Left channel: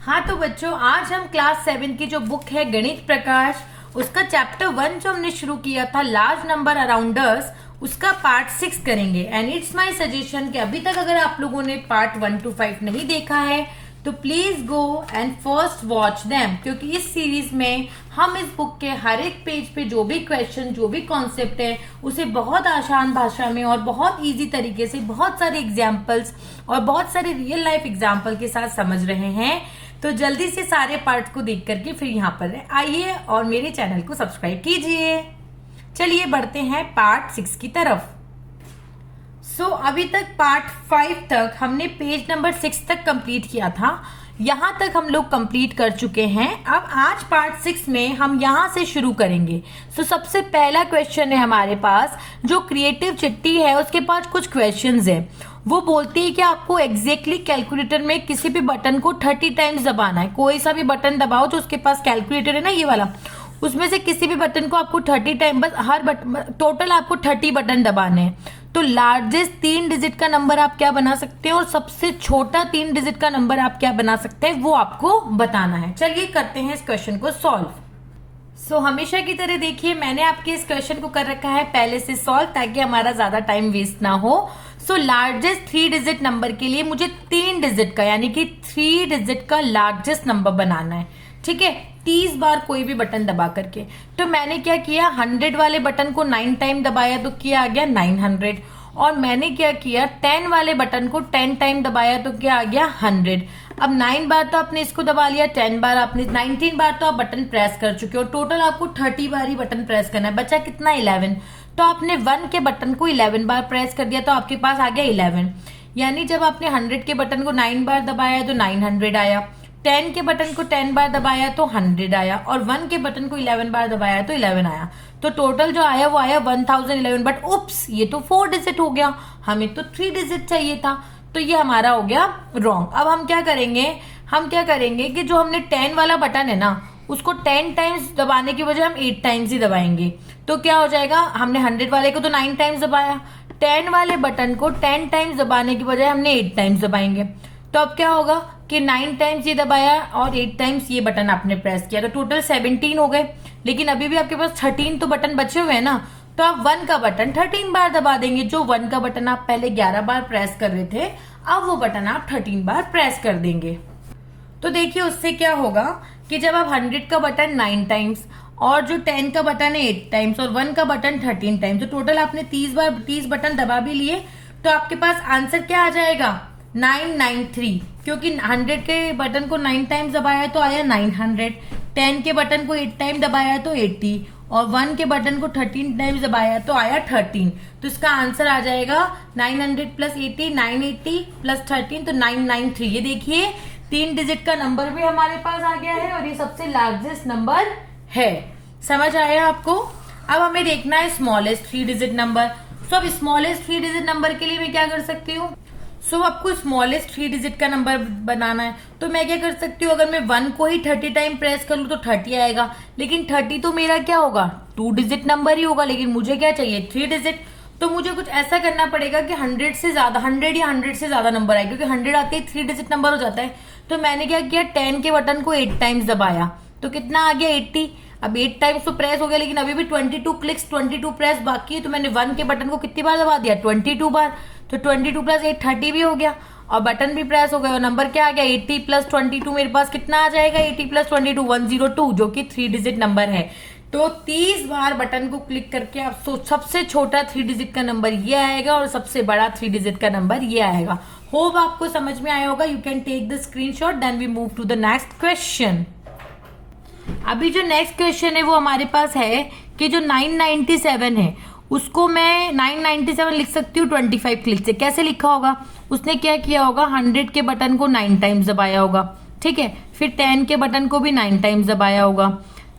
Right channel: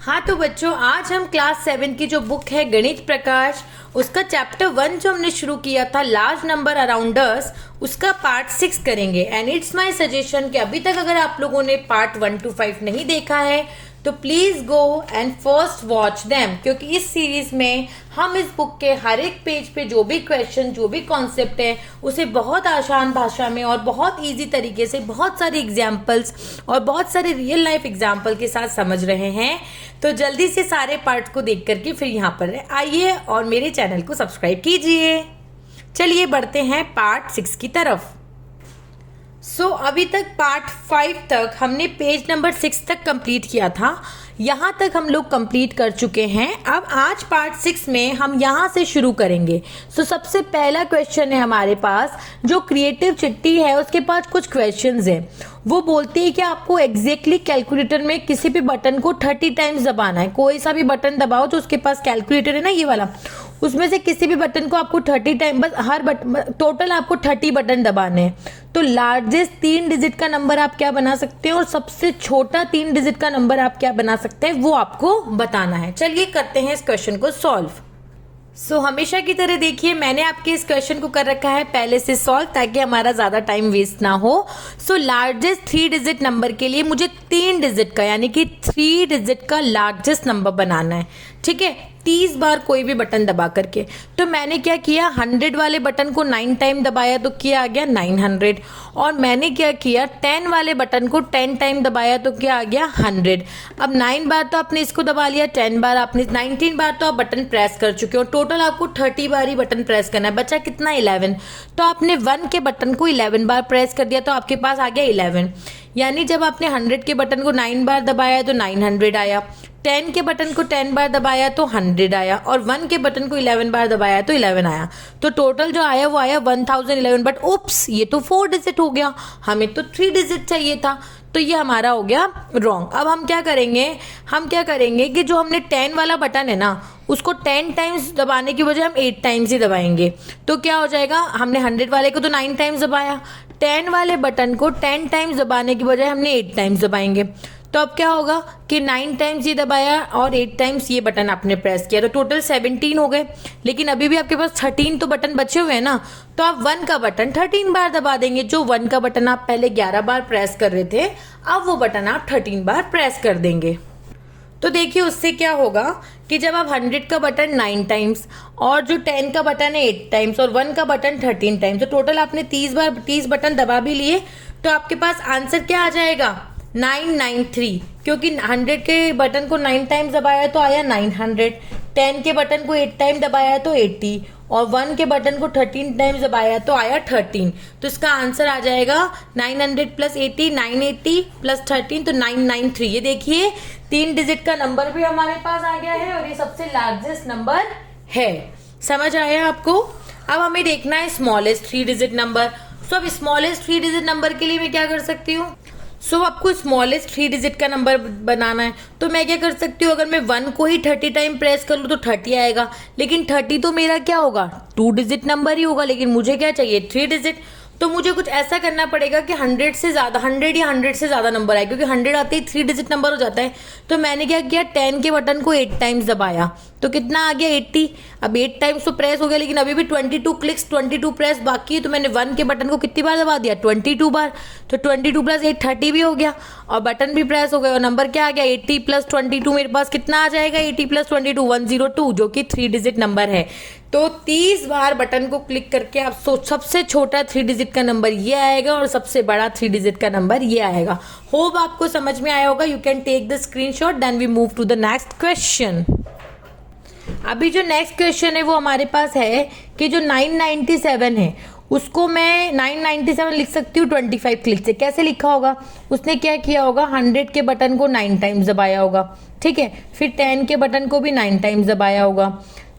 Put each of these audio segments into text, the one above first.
हाँ तो बच्चों, आज हम क्लास 7 की जो बुक है गणित प्रकाश, उसका चैप्टर 1 जो हमने शुरू किया था लार्ज नंबर अराउंडर्स, उसका पार्ट 6 करेंगे। एंड इट्स माय सजेशन कि अभी तक अगर आप लोगों ने पार्ट 1 to 5 नहीं देखा है तो please go and first watch them, क्योंकि इस सीरीज में हम इस बुक के हर एक पेज पे जो भी क्वेश्चन, जो भी कॉन्सेप्ट है, उसे बहुत आसान भाषा में और बहुत इजी तरीके से बहुत सारे एग्जाम्पल्स और बहुत सारे रियल लाइफ एग्जाम्पल के साथ समझ रहे हैं। तो जल्दी से सारे पार्ट को देख करके फिर यहाँ पर आइए और मेरे चैनल को सब्सक्राइब कीजिए। चलिए बढ़ते हैं पार्ट 6 की तरफ। अभी तक पार्ट 5 तक हमने पेज नंबर 6 तक कंप्लीट किया था। यहाँ तक हम लोग कंप्लीट कर चुके हैं। अब आज पार्ट 6 में हम यहाँ से शुरू करेंगे। सबसे पहला क्वेश्चन है हमारे पास, जो क्रिएटिव चिट्टी है उसके पास कुछ क्वेश्चंस है। वो बोलती है कि आपको एग्जैक्टली कैलकुलेटर में किसी भी बटन को 30 टाइम्स दबाना है। कोई सा भी बटन दबाओ, जो उसके पास कैलकुलेटर है ना ये वाला, उसमें से किसी भी बटन को आपको 30 टाइम, बस हर बटन टोटल आपको 30 बटन दबाने हैं। तो लार्जेस्ट 3 डिजिट का नंबर आप क्या बना सकते हैं और सबसे छोटा 3 डिजिट का नंबर आप क्या बना सकते हैं, वो आपको बताना है। चलिए करते हैं इस क्वेश्चन को सॉल्व। हमेशा की तरह देखिए, मैंने आपके इस क्वेश्चन को कर रखा है पहले से सॉल्व, ताकि हमारा ज्यादा टाइम वेस्ट ना हो। लार्जेस्ट 3 डिजिट नंबर के लिए मुझे 3 डिजिट का, यानी कि 3 डिजिट का लार्जेस्ट नंबर बनाना है। ठीक है, 30 बार कोई भी बटन दबा करके। तो मैंने क्या किया, 100 वाले बटन को 9 टाइम दबाया तो क्या आ गया 900। और मैंने क्या किया, 10 वाले बटन को 10 टाइम दबाया तो क्या आ गया 100। अब 9 बार तो आपने इसको दबा लिया, 10 बार आपने, 19 बार तो आप बटन प्रेस कर चुके हो। टोटल आपको 30 बार ही बटन प्रेस करना है। बचा कितना 11। तो आपने 1 के बटन को 11 बार प्रेस कर दिया तो आपके पास आ गया 11। यानी जब आपने 100 के बटन को 9 बार दबाया तो 900 आया, 10 के बटन को 10 बार दबाया तो 100 आया, और 1 के बटन को 11 बार दबाया तो 11 आया। तो टोटल जो आया वो आया 1011। बट उप्स, ये तो 4 डिजिट हो गया, हमें तो 3 डिजिट चाहिए था। तो ये हमारा हो गया रॉन्ग। अब हम क्या करेंगे कि जो हमने 10 वाला बटन है ना, उसको 10 टाइम्स दबाने की बजाय हम 8 टाइम्स ही दबाएंगे। तो क्या हो जाएगा, हमने 100 वाले को तो 9 टाइम्स दबाया, 10 वाले बटन को 10 टाइम्स दबाने की बजाय हमने 8 टाइम्स दबाएंगे। तो अब क्या होगा कि 9 टाइम्स ये दबाया और 8 टाइम्स ये बटन आपने प्रेस किया, तो टोटल 17 हो गए। लेकिन अभी भी आपके पास 13 तो बटन बचे हुए हैं ना, तो आप 1 का बटन 13 बार दबा देंगे। जो 1 का बटन आप पहले 11 बार प्रेस कर रहे थे, अब वो बटन आप 13 बार प्रेस कर देंगे। तो देखिए उससे क्या होगा कि जब आप 100 का बटन 9 टाइम्स और जो 10 का बटन है 8 टाइम्स और 1 का बटन 13 टाइम्स, तो टोटल आपने 30 बटन दबा भी लिए। तो आपके पास आंसर क्या आ जाएगा 993, क्योंकि 100 के बटन को 9 टाइम्स दबाया तो आया 900, 10 के बटन को 8 टाइम दबाया तो 80, और 1 के बटन को 13 टाइम्स दबाया तो आया 13। तो इसका आंसर आ जाएगा 900 प्लस 80, 980 प्लस 13, तो 993। ये देखिए 3 डिजिट का नंबर भी हमारे पास आ गया है और ये सबसे लार्जेस्ट नंबर है। समझ आया आपको? अब हमें देखना है स्मॉलेस्ट 3 डिजिट नंबर। अब स्मॉलेस्ट 3 डिजिट नंबर के लिए मैं क्या कर सकती हूँ, आपको स्मॉलेस्ट 3 डिजिट का नंबर बनाना है। तो मैं क्या कर सकती हूँ, अगर मैं 1 को ही 30 टाइम प्रेस कर लूँ तो 30 आएगा। लेकिन 30 तो मेरा क्या होगा 2 डिजिट नंबर ही होगा, लेकिन मुझे क्या चाहिए 3 डिजिट। तो मुझे कुछ ऐसा करना पड़ेगा कि 100 से ज्यादा, 100 या 100 से ज्यादा नंबर आए, क्योंकि 100 आते ही 3 डिजिट नंबर हो जाता है। तो मैंने क्या किया, 10 के बटन को 8 टाइम्स दबाया तो कितना आ गया 80। अब 8 टाइम्स तो प्रेस हो गया, लेकिन अभी भी 22 क्लिक्स, 22 प्रेस बाकी है। तो मैंने 1 के बटन को कितनी बार दबा दिया 22 बार। तो 22 प्लस 8 30 भी हो गया, और बटन भी प्रेस हो गया, और नंबर क्या आ गया 80 प्लस 22। मेरे पास कितना आ जाएगा 80 प्लस 22 102, जो कि 3 डिजिट नंबर है। तो 30 बार बटन को क्लिक करके आप सबसे छोटा 3 डिजिट का नंबर ये आएगा और सबसे बड़ा 3 डिजिट का नंबर ये आएगा। होप आपको समझ में आया होगा। You can take the screenshot, then we move to the next question. अभी जो नेक्स्ट क्वेश्चन है वो हमारे पास है कि जो 997 है उसको मैं 997 लिख सकती हूँ 25 क्लिक से। कैसे लिखा होगा, उसने क्या किया होगा, 100 के बटन को 9 टाइम्स दबाया होगा, ठीक है, फिर 10 के बटन को भी 9 टाइम्स दबाया होगा।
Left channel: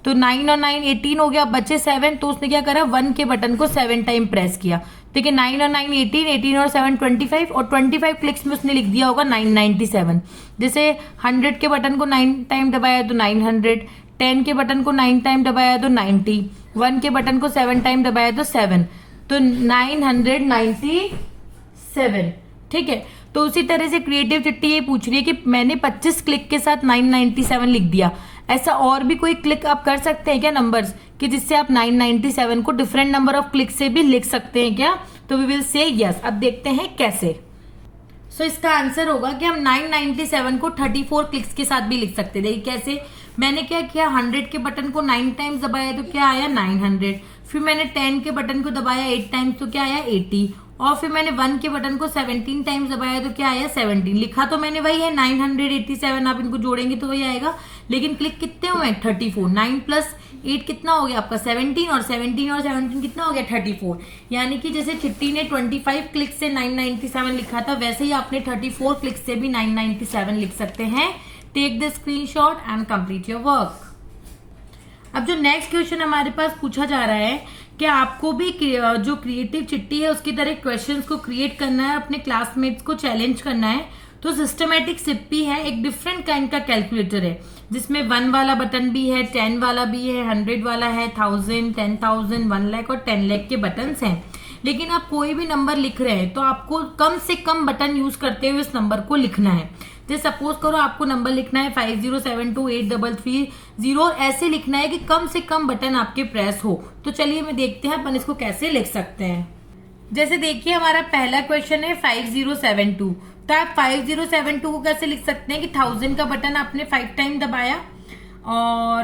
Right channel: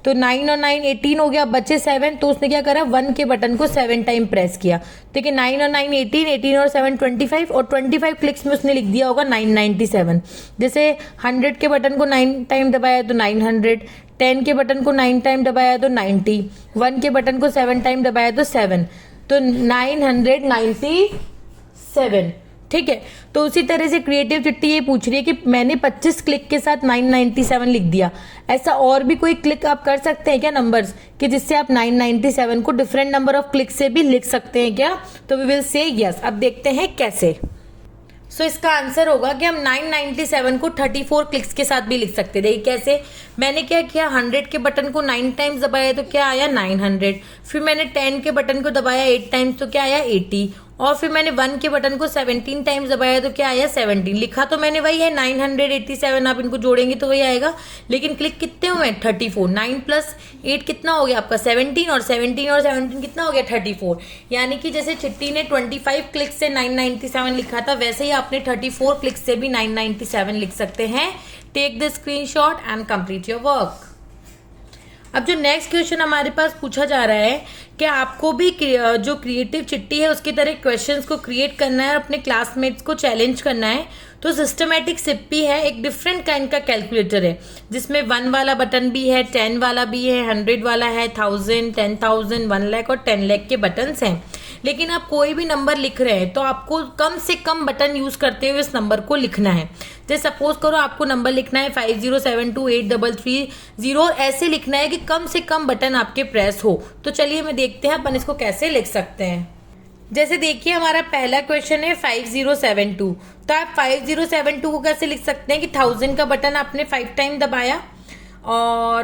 तो 9 और 9 18 हो गया, बचे 7। तो उसने क्या करा, 1 के बटन को 7 टाइम प्रेस किया। ठीक है, 9 और 9 18, 18 और 7 25, और 25 क्लिक्स में उसने लिख दिया होगा 997। जैसे 100 के बटन को 9 टाइम दबाया तो 900, 10 के बटन को 9 टाइम दबाया तो 90, 1 के बटन को 7 टाइम दबाया तो 7, तो 997। ठीक है। तो उसी तरह से क्रिएटिव चिट्ठी ये पूछ रही है कि मैंने 25 क्लिक के साथ 997 लिख दिया, ऐसा और भी कोई क्लिक आप कर सकते हैं क्या नंबर्स कि जिससे आप 997 को डिफरेंट नंबर ऑफ क्लिक से भी लिख सकते हैं क्या? तो वी विल से यस। अब देखते हैं कैसे। सो इसका आंसर होगा कि हम 997 को 34 क्लिक्स के साथ भी लिख सकते हैं। देखिए कैसे, मैंने क्या किया, 100 के बटन को 9 टाइम्स दबाया तो क्या आया 900, फिर मैंने 10 के बटन को दबाया 8 टाइम्स तो क्या आया 80, और फिर मैंने 1 के बटन को 17 टाइम्स दबाया तो क्या आया 17। लिखा तो मैंने वही है 987, आप इनको जोड़ेंगे तो वही आएगा, लेकिन क्लिक कितने हुए 34। 9 प्लस 8 कितना हो गया आपका 17, और 17 कितना हो गया 34। यानी कि जैसे चिट्टी ने 25 क्लिक से 997 लिखा था, वैसे ही आपने 34 क्लिक से भी 997 लिख सकते हैं। Take the screenshot and complete your work. अब जो नेक्स्ट क्वेश्चन हमारे पास पूछा जा रहा है कि आपको भी जो क्रिएटिव चिट्ठी है उसकी तरह क्वेश्चंस को क्रिएट करना है, अपने क्लासमेट्स को चैलेंज करना है। तो सिस्टमैटिक सिप्पी है, एक डिफरेंट काइंड का कैलकुलेटर है जिसमें 1 वाला बटन भी है, 10 वाला भी है, 100 वाला है, 1000, 10,000, 1 लाख और 10 लाख के बटन्स हैं। लेकिन आप कोई भी नंबर लिख रहे हैं तो आपको कम से कम बटन यूज करते हुए इस नंबर को लिखना है। जैसे सपोज करो आपको नंबर लिखना है 50728330 और ऐसे लिखना है कि कम से कम बटन आपके प्रेस हो। तो चलिए मैं देखते हैं अपन इसको कैसे लिख सकते हैं। जैसे देखिए हमारा पहला क्वेश्चन है 5072, तो आप 5072 को कैसे लिख सकते हैं कि 1000 का बटन आपने 5 टाइम दबाया और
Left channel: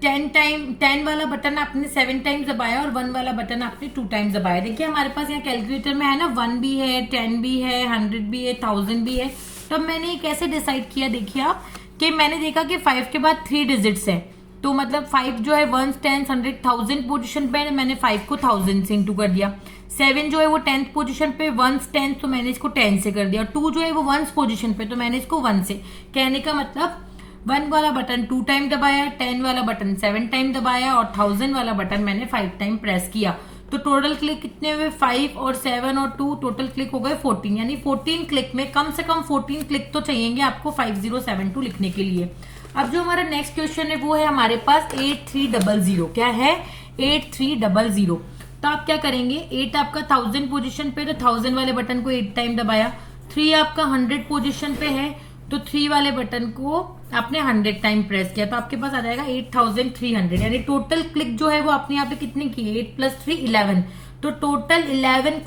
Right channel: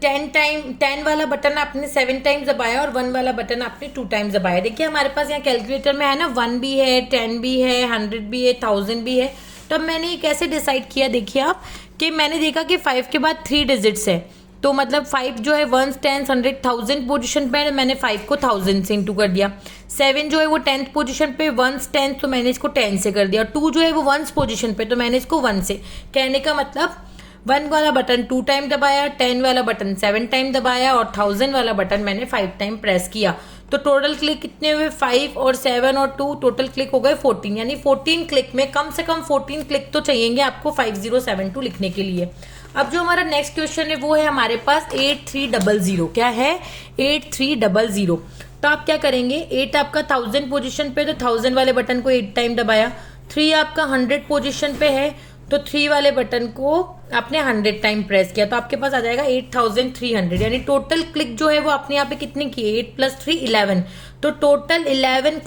10 वाला बटन आपने 7 टाइम्स दबाया और 1 वाला बटन आपने 2 टाइम्स दबाया। देखिए हमारे पास यहाँ कैलकुलेटर में है ना 1 भी है, 10 भी है, 100 भी है, 1000 भी है। तो अब मैंने कैसे डिसाइड किया, देखिए आप कि मैंने देखा कि 5 के बाद 3 डिजिट्स है, तो मतलब 5 जो है 1, 10, 100, 1000 पोजीशन पे है, मैंने 5 को 1000 से इंटू कर दिया। 7 जो है वो 10th पोजीशन पे 1 10, तो मैंने इसको 10 से कर दिया। 2 जो है वो 1 पोजीशन पे, तो मैंने इसको 1 से। कहने का मतलब 1 वाला बटन 2 टाइम दबाया, 10 वाला बटन 7 टाइम दबाया और 1000 वाला बटन मैंने 5 टाइम प्रेस किया। तो टोटल क्लिक कितने हुए 5 और 7 और 2, टोटल क्लिक हो गए 14। यानी 14 क्लिक में कम से कम 14 क्लिक तो चाहिएंगे आपको 5072 लिखने के लिए। अब जो हमारा नेक्स्ट क्वेश्चन है वो है हमारे पास 8300। क्या है 8300। तो आप क्या करेंगे, 8 आपका 1000 पोजीशन पे, तो 1000 वाले बटन को 8 टाइम दबाया। 3 आपका 100 पोजीशन पे है, तो 3 वाले बटन को आपने 100 टाइम प्रेस किया, तो आपके पास आ जाएगा 8300। यानी टोटल क्लिक जो है वो आपने यहाँ पे कितने किए 8 + 3 11। तो टोटल 11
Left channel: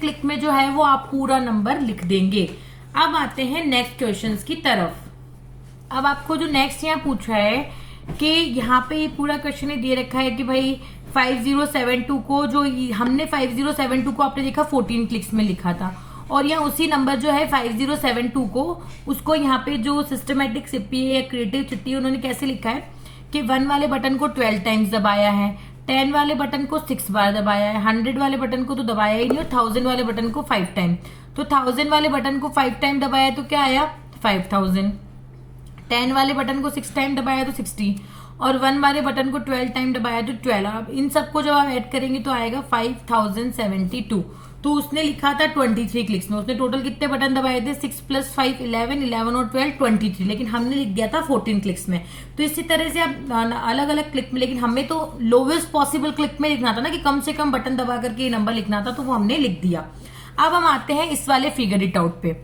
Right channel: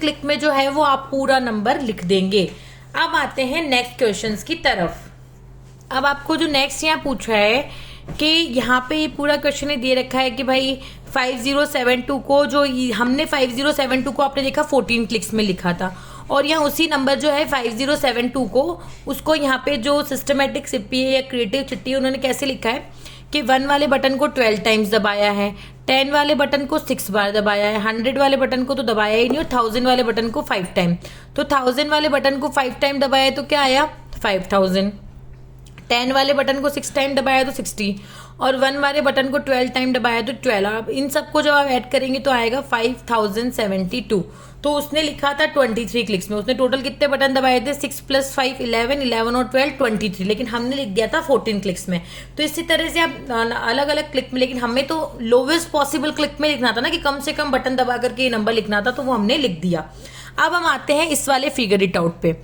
क्लिक में जो है वो आप पूरा नंबर लिख देंगे। अब आते हैं नेक्स्ट क्वेश्चंस की तरफ। अब आपको जो नेक्स्ट यहाँ पूछा है कि यहाँ पे पूरा क्वेश्चन दे रखा है कि भाई 5072 को जो हमने 5072 को आपने देखा 14 क्लिक्स में लिखा था, और यहाँ उसी नंबर जो है 5072 को उसको यहाँ पे जो सिस्टमेटिक सिप्पी या क्रिएटिव चिट्ठी उन्होंने कैसे लिखा है कि 1 वाले बटन को 12 टाइम्स दबाया है, 10 वाले बटन को 6 बार दबाया है, 100 वाले बटन को तो दबाया ही नहीं, और 1000 वाले बटन को 5 टाइम। तो 1000 वाले बटन को 5 टाइम दबाया तो क्या आया 5000, 10 वाले बटन को 6 टाइम दबाया तो 60, और 1 वाले बटन को 12 टाइम दबाया तो 12। अब इन सबको जब आप ऐड करेंगे तो आएगा 5072। तो उसने लिखा था 23 क्लिक्स में, उसने टोटल कितने बटन दबाए थे 6 + 5 11, 11 और 12 23, लेकिन हमने लिख दिया था 14 क्लिक्स में। तो इसी तरह से आप अलग अलग क्लिक में, लेकिन हमें तो लोवेस्ट पॉसिबल क्लिक में लिखना था ना कि कम से कम बटन दबा करके ये नंबर लिखना था, तो वो हमने लिख दिया। अब हम आते हैं इस वाले फिगर इट आउट पे।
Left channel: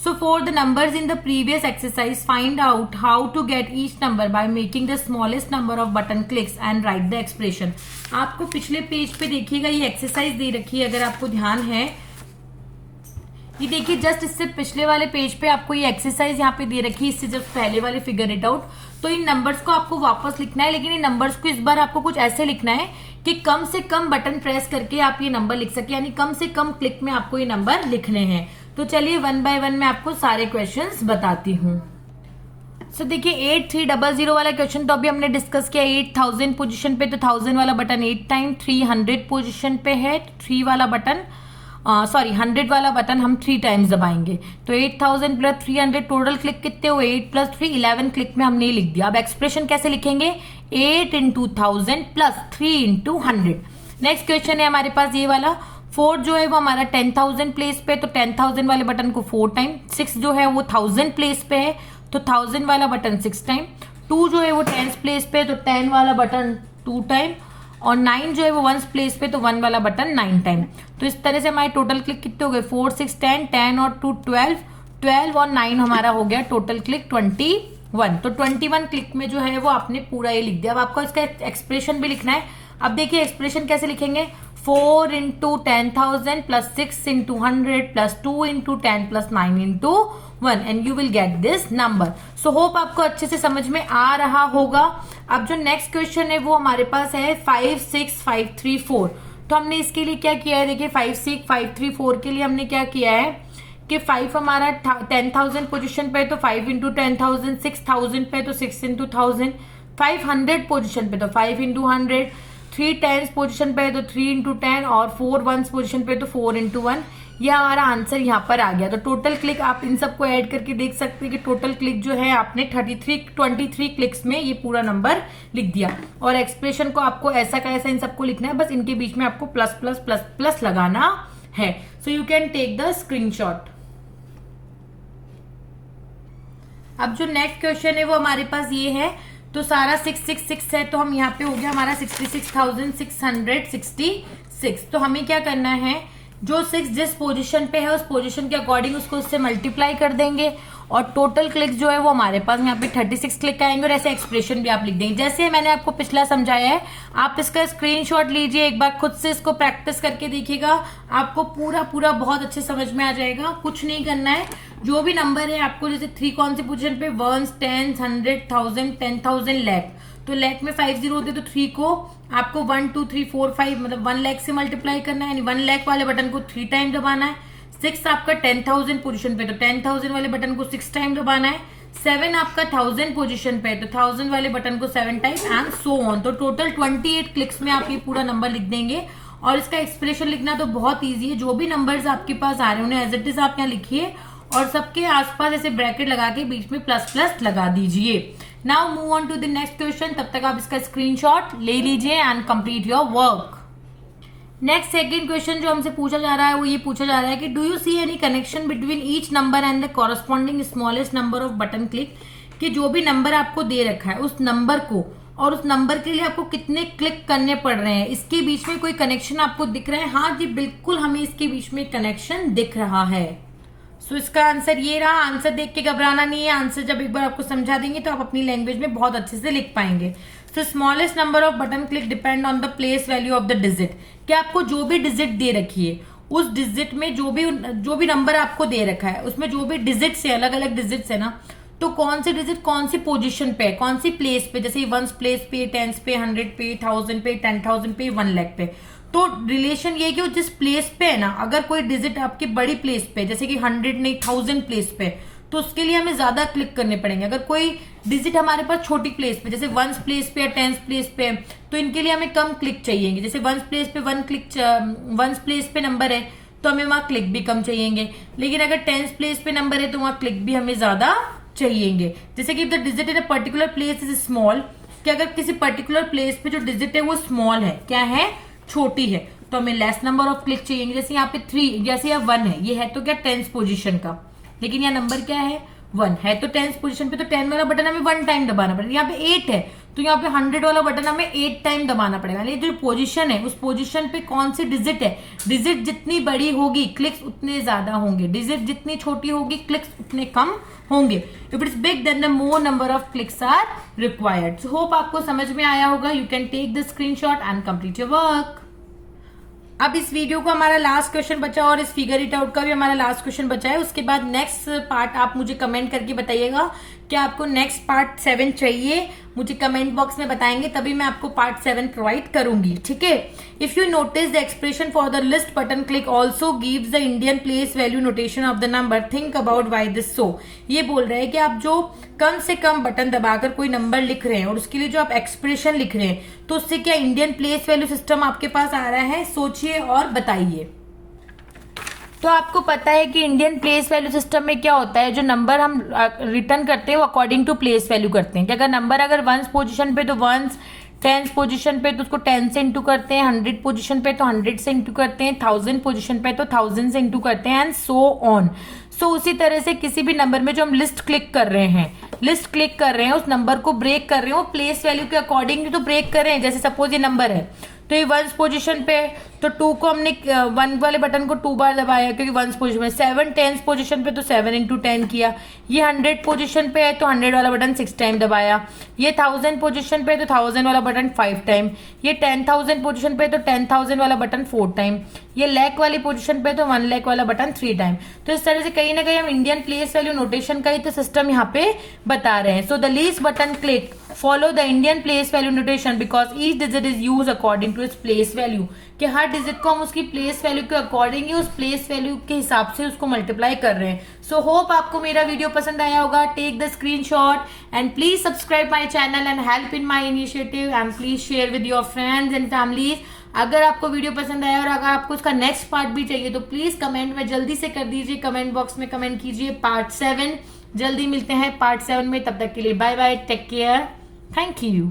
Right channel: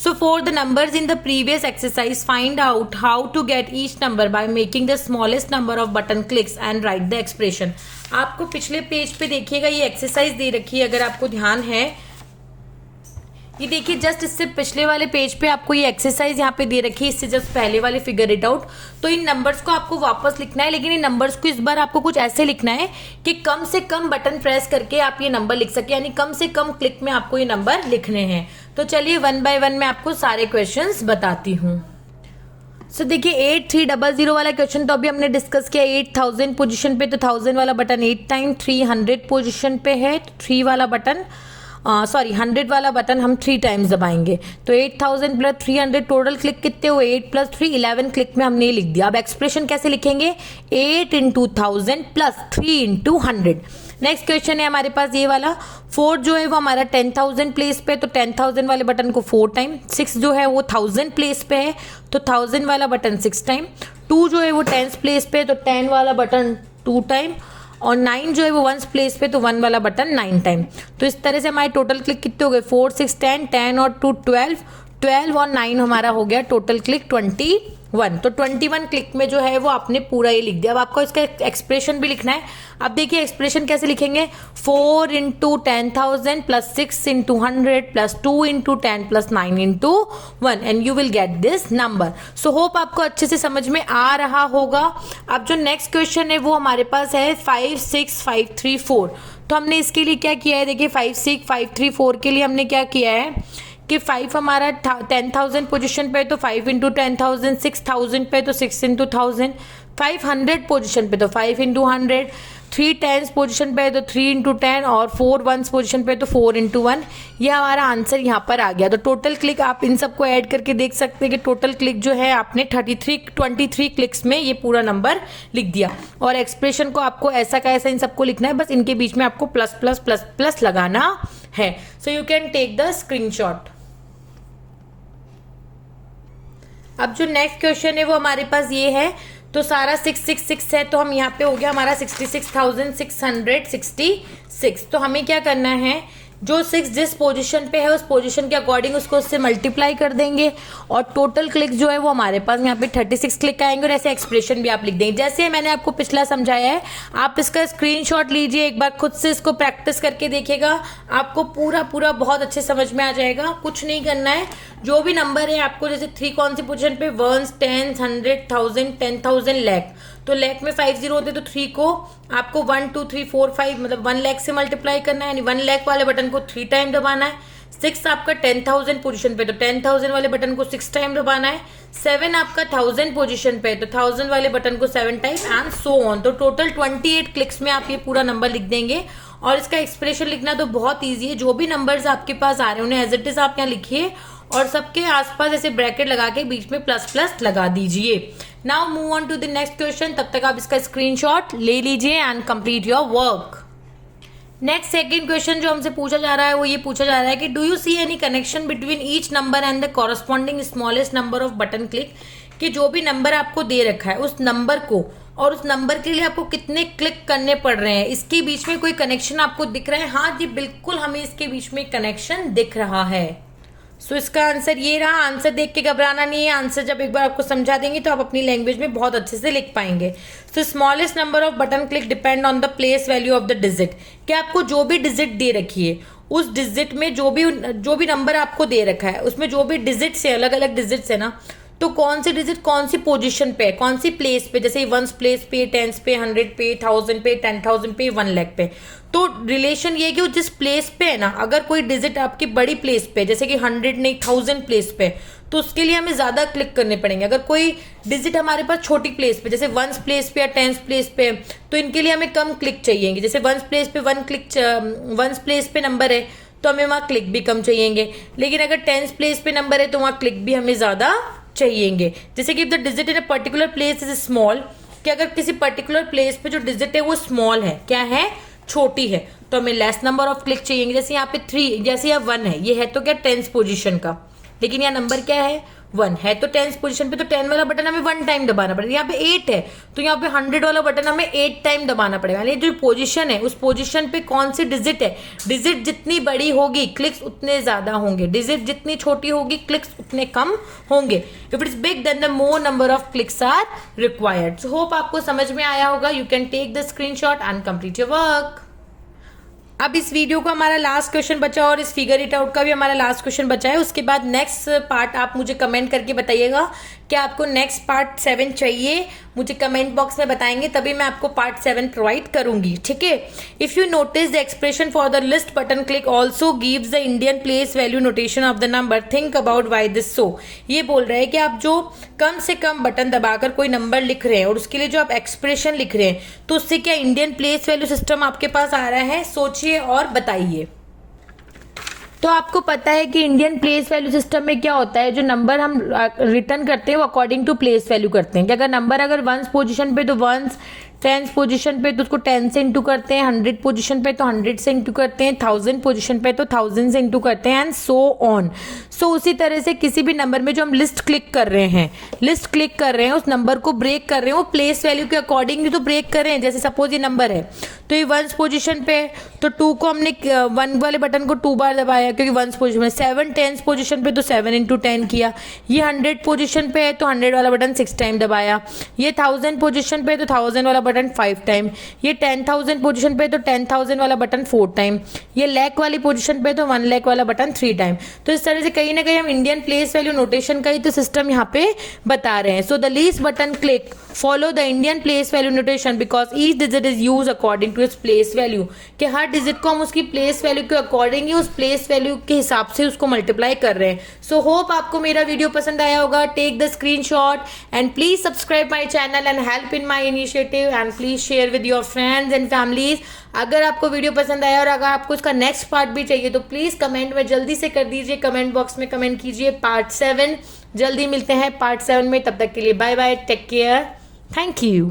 So for the numbers in the previous exercise, find out how to get each number by making the smallest number of button clicks and write the expression. आपको पिछले पेज पे देखिएगा ये exercise दे रखी है, अगर आपको ध्यान है ये देखिए जस्ट इससे पिछले वाले पेज पे आपको ये एक्सरसाइज यहाँ पे दे रखी है, इससे जस्ट पहले वाले फिगर इट आउट। तो इन नंबर्स को आपको वापस लिखना है, लेकिन इन नंबर्स को इस बार आपको कुछ ऐसे लिखना है कि कम से कम बटन प्रेस करके आप ये नंबर लिख सके, यानी कम से कम क्लिक में आपको ये नंबर लिखने हैं। तो चलिए 1 बाय 1 मैं आपको सारे क्वेश्चंस बताती हूँ। सो देखिए 8300 वाला क्वेश्चन तो अभी हमने डिस्कस किया। 8000 पोजीशन पे, तो 1000 वाला बटन 8 टाइम, 300 पोजीशन पे है, 3 वाला बटन 100 वाला बटन हम 3 टाइम्स दबाएंगे। तो 8000 + 300 टोटल क्लिक कितने हुए 8 + 3 11 क्लिक में हमने लिख दिया। अब एक्सप्रेशन कैसे लिखेंगे 8 × 1000 + 3 × 100। नेक्स्ट क्वेश्चन है हमारे पास ये वाला 4 जो है वो हमारा 10,000 प्लेस पे, तो 10,000 वाले बटन को 4 टाइम। 6 जो है वो 1000 प्लेस पे है, तो 1000 वाला बटन 6 टाइम। 2 जो है वो 10 प्लेस पे, तो 10 वाला बटन 2 टाइम। और 9 जो है वो 1 प्लेस पे, तो 1 वाला बटन 9 टाइम। तो इस तरह से हमारे टोटल क्लिक कितने हो गए, 4 6 10, 10 और 2 12, 12 और 9 हमारा हो गया टोटल क्लिक 21। तो 21 क्लिक में जो है वो आपने पूरा ये लिख दिया। अब आपको इसका एक्सप्रेशन भी लिखना है। अब देखिए एक्सप्रेशन कैसे लिखेंगे, 4 into 10,000 plus 6 into 100 plus 2 into 10 plus 9 into 1 and you will get this number. So hope आपको अच्छे से समझ में आ रहा होगा। अब जो नेक्स्ट क्वेश्चन है वो हमारे पास है 5 6 5 3 4। तो हमने इसके लिए क्या किया है, देखिए 5 6 5 3 4 के लिए हमने क्या किया है कि 5 हमारा 10,000 पोजीशन पे तो 5 इंटू 10,000, 6,000 पे तो 6 इंटू 1000, 500 पोजीशन पे तो 5 इंटू 100, 3 टेंस पोजीशन पे तो 3 इंटू 10 और 4 वंस पोजीशन पे तो 4 इंटू 1। ये हमारा आंसर यहाँ पर आ गया। तो टोटल क्लिक आप इन सबको ऐड करके देख सकते हैं कि टोटल क्लिक जो है आपने 23 क्लिक्स में ये पूरा नंबर लिख दिया। और एक्सप्रेशन को आपको ऐसा का ऐसा इन सबको लिखना है, बस इनके बीच में आपको प्लस प्लस प्लस प्लस लगाना है। So you can take the screenshot. अब जो नेक्स्ट क्वेश्चन है वो हमारे पास ये है, तो सारा 666 है, तो हम यहाँ पे हो गया हमारा 66,666। तो हमें क्या करना है, जो 6 जिस पोजीशन पे है उस पोजीशन के अकॉर्डिंग उसको उससे मल्टीप्लाई कर देंगे और टोटल क्लिक जो है वो हमारे पास यहाँ पे 36 क्लिक आएंगे। और ऐसे एक्सप्रेशन भी आप लिख देंगे जैसे मैंने आपको पिछला समझाया है। आप इसका स्क्रीनशॉट लीजिए, एक बार खुद से इसको प्रैक्टिस करके देखिएगा, आपको पूरा बहुत अच्छे समझ में आ जाएगा। कुछ नहीं करना है, जो भी नंबर है आपको, जैसे 3 कौन सी पोजीशन पे, 1 10 100 1000 10,000 लाख, तो लाख में 5 जीरो होते, तो 3 को आपको 1 2 3 4 5 मतलब 1 लाख से मल्टीप्लाई करना है, यानी 1 लाख वाले बटन को 3 टाइम दबाना है। 6 आपका 10,000 पोजीशन पे, तो 10,000 वाले बटन को 6 टाइम दबाना है। 7 आपका 1000 पोजीशन पे, तो 1000 वाले बटन को 7 टाइम एंड सो ऑन। तो टोटल 28 क्लिक्स में आप ये पूरा नंबर लिख देंगे। और इसका एक्सप्रेशन लिखना तो बहुत ईजी है, जो भी नंबर्स आपके पास आ रहे हैं उन्हें एज इट इज आप यहाँ लिखिए और सबके आसपास ऐसे ब्रैकेट लगा के बीच में प्लस प्लस लगा दीजिए। Now move on to the next question. तब तक आप इसका स्क्रीनशॉट ले लीजिए and complete your work. Next second question जो हमसे पूछा जा रहा है वो ये पूछा जा रहा है कि do you see any connection between each number and the corresponding smallest number off button click, कि जो भी नंबर आपको दे रखा है उस नंबर को और उस नंबर के लिए आपको कितने क्लिक करने पड़ रहे हैं, इसके बीच में कोई कनेक्शन आपको दिख रहा है? हाँ जी बिल्कुल, हमें इसके बीच में कनेक्शन दिख रहा है। सो इसका आंसर ये रहा। आंसर देख के घबराना नहीं है, आंसर जब एक बार आपको समझा देंगे तो आप अपनी लैंग्वेज में बहुत अच्छे से लिख पाएंगे। सो smallest number off button click depend on the place value of the digit, कि आपको जो भी डिजिट दे रखी है उस डिजिट में जो भी नंबर आपको दे रखा है उसमें जो भी डिजिट्स है, अलग अलग डिजिट्स है ना, तो कौन सी डिजिट कौन सी पोजीशन पे है, कौन सी प्लेस पे, जैसे 1 प्लेस पे, 10 पे, 100 पे, 1000 पे, 10,000 पे, 1 लाख पे। तो रिलेशन ये कि जिस प्लेस पे है ना, अगर कोई डिजिट आपकी बड़ी प्लेस पे जैसे कि 100 नहीं 1000 प्लेस पे, तो उसके लिए हमें ज्यादा क्लिक करने पड़ेंगे। अगर कोई डिजिट हमारे पास छोटी प्लेस पे जैसे 1 प्लेस पे या 10 प्लेस पे, तो इनके लिए हमें कम क्लिक चाहिए। जैसे 1 प्लेस पे 1 प्लेस पे नंबर है तो हमें वहां क्लिक भी कम चाहिए, लेकिन अगर 10 प्लेस पे नंबर है तो वहां क्लिक भी हमें ज्यादा चाहिए। जैसे कि the digit in a particular place is small, कि अगर किसी पर्टिकुलर प्लेस पे जो डिजिट है वो स्मॉल है, क्या है, छोटी है, तो हमें लेस नंबर ऑफ क्लिक चाहिए। जैसे यहाँ पे 3, जैसे यहाँ 1 है, ये है तो क्या 10th पोजीशन का, लेकिन यहाँ नंबर क्या है 1 है, तो 10th पोजीशन पे तो 10 वाला बटन हमें 1 टाइम दबाना पड़ेगा। यहाँ पे 8 है तो यहाँ पे 100 वाला बटन हमें 8 टाइम दबाना पड़ेगा। यानी जो पोजीशन है उस पोजीशन पे कौन सी डिजिट है, डिजिट जितनी बड़ी होगी क्लिक्स उतने ज्यादा होंगे, डिजिट जितनी छोटी होगी क्लिक्स उतने कम होंगे। If it is big then the more number of clicks are required. So hope आपको समझ में आया होगा। You can take the screenshot and complete your work. अब इस वीडियो का हमारा लास्ट क्वेश्चन बचा और इस फिगर इट आउट का भी हमारा लास्ट क्वेश्चन बचा है। उसके बाद नेक्स्ट पार्ट आप मुझे कमेंट करके बताइएगा कि आपको नेक्स्ट पार्ट 7 चाहिए, मुझे कमेंट बॉक्स में बताएंगे, तभी मैं आपको पार्ट 7 प्रोवाइड करूंगी, ठीक है। If you notice the expression for the list button click also gives the Indian place value notation of the number, think about why this so. ये बोल रहे हैं कि आप जो कम से कम बटन दबाकर कोई नंबर लिख रहे हैं और उसके लिए जो आप एक्सप्रेशन लिख रहे हैं, तो उससे क्या इंडियन प्लेस वैल्यू सिस्टम आपके पास आ रहा है, सोचिए और बताइए। तो आपको पता है कि इंडियन प्लेस वैल्यू सिस्टम में क्या होता है, जो नंबर हम रिटर्न करते हैं वो अकॉर्डिंग टू प्लेस वैल्यू करते हैं। कि अगर नंबर 1 पोजीशन पे तो 1, 10th पोजीशन पे तो उसको 10 से इंटू करते हैं, 100 पोजीशन पे तो 100 से इंटू करते हैं, 1000 पोजीशन पे तो 1000 से इंटू करते हैं, एंड सो ऑन। सो उसी तरह से किसी भी नंबर में जो हम लिस्ट क्लिक कर रहे हैं, उस नंबर को ब्रेक कर रहे हैं, वो प्लेस वैल्यू के अकॉर्डिंग तो ब्रेक कर रहे हैं। जैसे सपोज ये नंबर है तो ये 1 पोजीशन पे, तो 2 को हमने 1 वाले बटन को 2 बार दबाया क्योंकि 1 पोजीशन में। 7 10 पोजीशन पे तो 7 इंटू 10 किया। ये 100 पोजीशन पे है तो 100 वाला बटन 6 टाइम दबाया। ये 1000 पोजीशन पे तो 1000 वाला बटन 5 टाइम। ये 10,000 पोजीशन पे तो 10,000 वाला बटन 4 टाइम। ये लाख वाली पोजीशन पे तो 1 लाख वाला बटन 3 टाइम। तो इस तरह से कहीं ना कहीं हम इंडियन प्लेस वैल्यू नोटेशन का ही तो सिस्टम यहाँ पे बता रहे हैं। So the least button click follow the Indian place value notation because each digit is use according to its place value, कि हर डिजिट को हम उसकी प्लेस वैल्यू के अकॉर्डिंग ही उस प्लेस वैल्यू के हिसाब से उसको मल्टीप्लाई कर रहे हैं। सो होप आपको मेरा वीडियो पसंद आया होगा। Take the screenshot and please subscribe my channel and help in my initiative and please share with your friends and families. अगर आपको वीडियो पसंद आया और अगर आपको इसका नेक्स्ट पार्ट भी चाहिए तो प्लीज कमेंट में जल्दी से कर दीजिए, कमेंट बॉक्स में कमेंट कीजिए पार्ट 7। जल्दी मिलते हैं पार्ट 7 में, तब तक के लिए bye bye, take care, thank you.